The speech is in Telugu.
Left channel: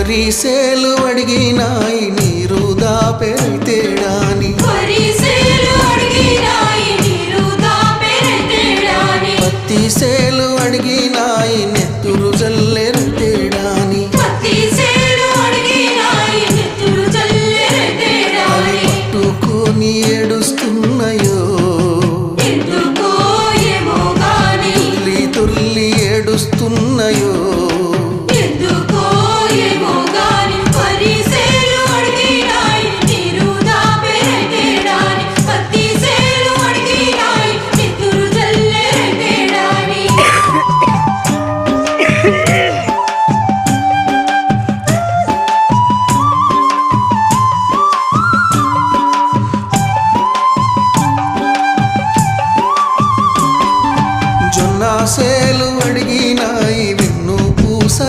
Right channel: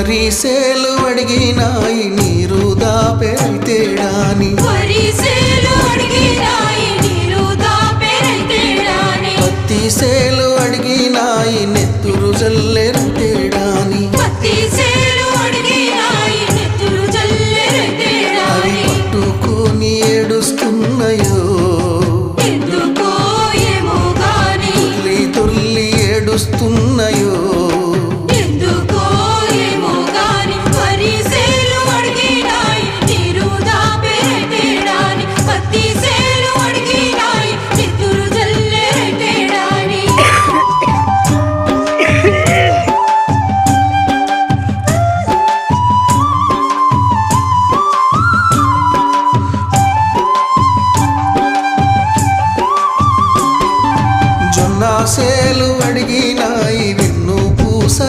వరిసేలు అడిగినాయి నీరు దాపెరైతేడాని పత్తి సేలు అడిగినాయి నెత్తురు జల్లెరైతేడాని అవి పట్టుకొని ఏడుస్తున్నాయో తుల్లి తుల్లి ఏడుస్తున్నాయో జొన్న సేలు అడిగినాయి